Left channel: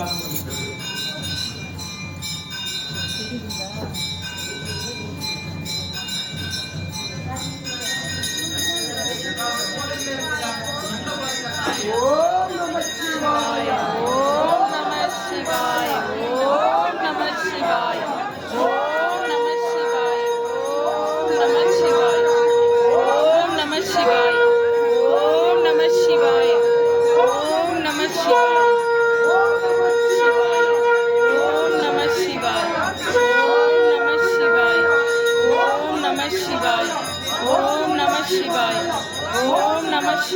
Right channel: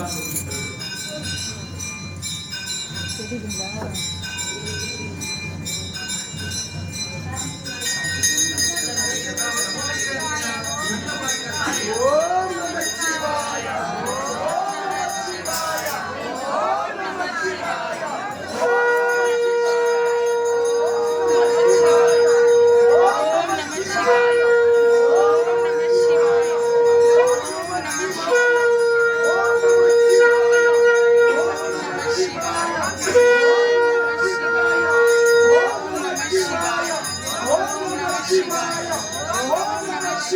Thank you.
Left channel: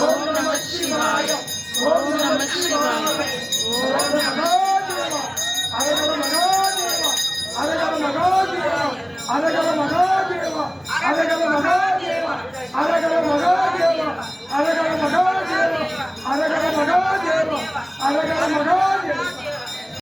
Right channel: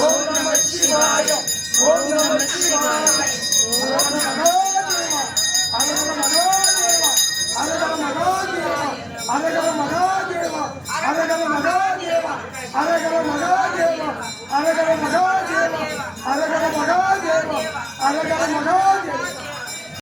ஓம் நம சிவாய ஓம் நம சிவாய ஓம் மகாதேவா அரகர மகாதேவா அரகர மகாதேவா அரகர மகாதேவா அரகர மகாதேவா அரகர மகாதேவா அரகர மகாதேவா அரகர மகாதேவா அரகர மகாதேவா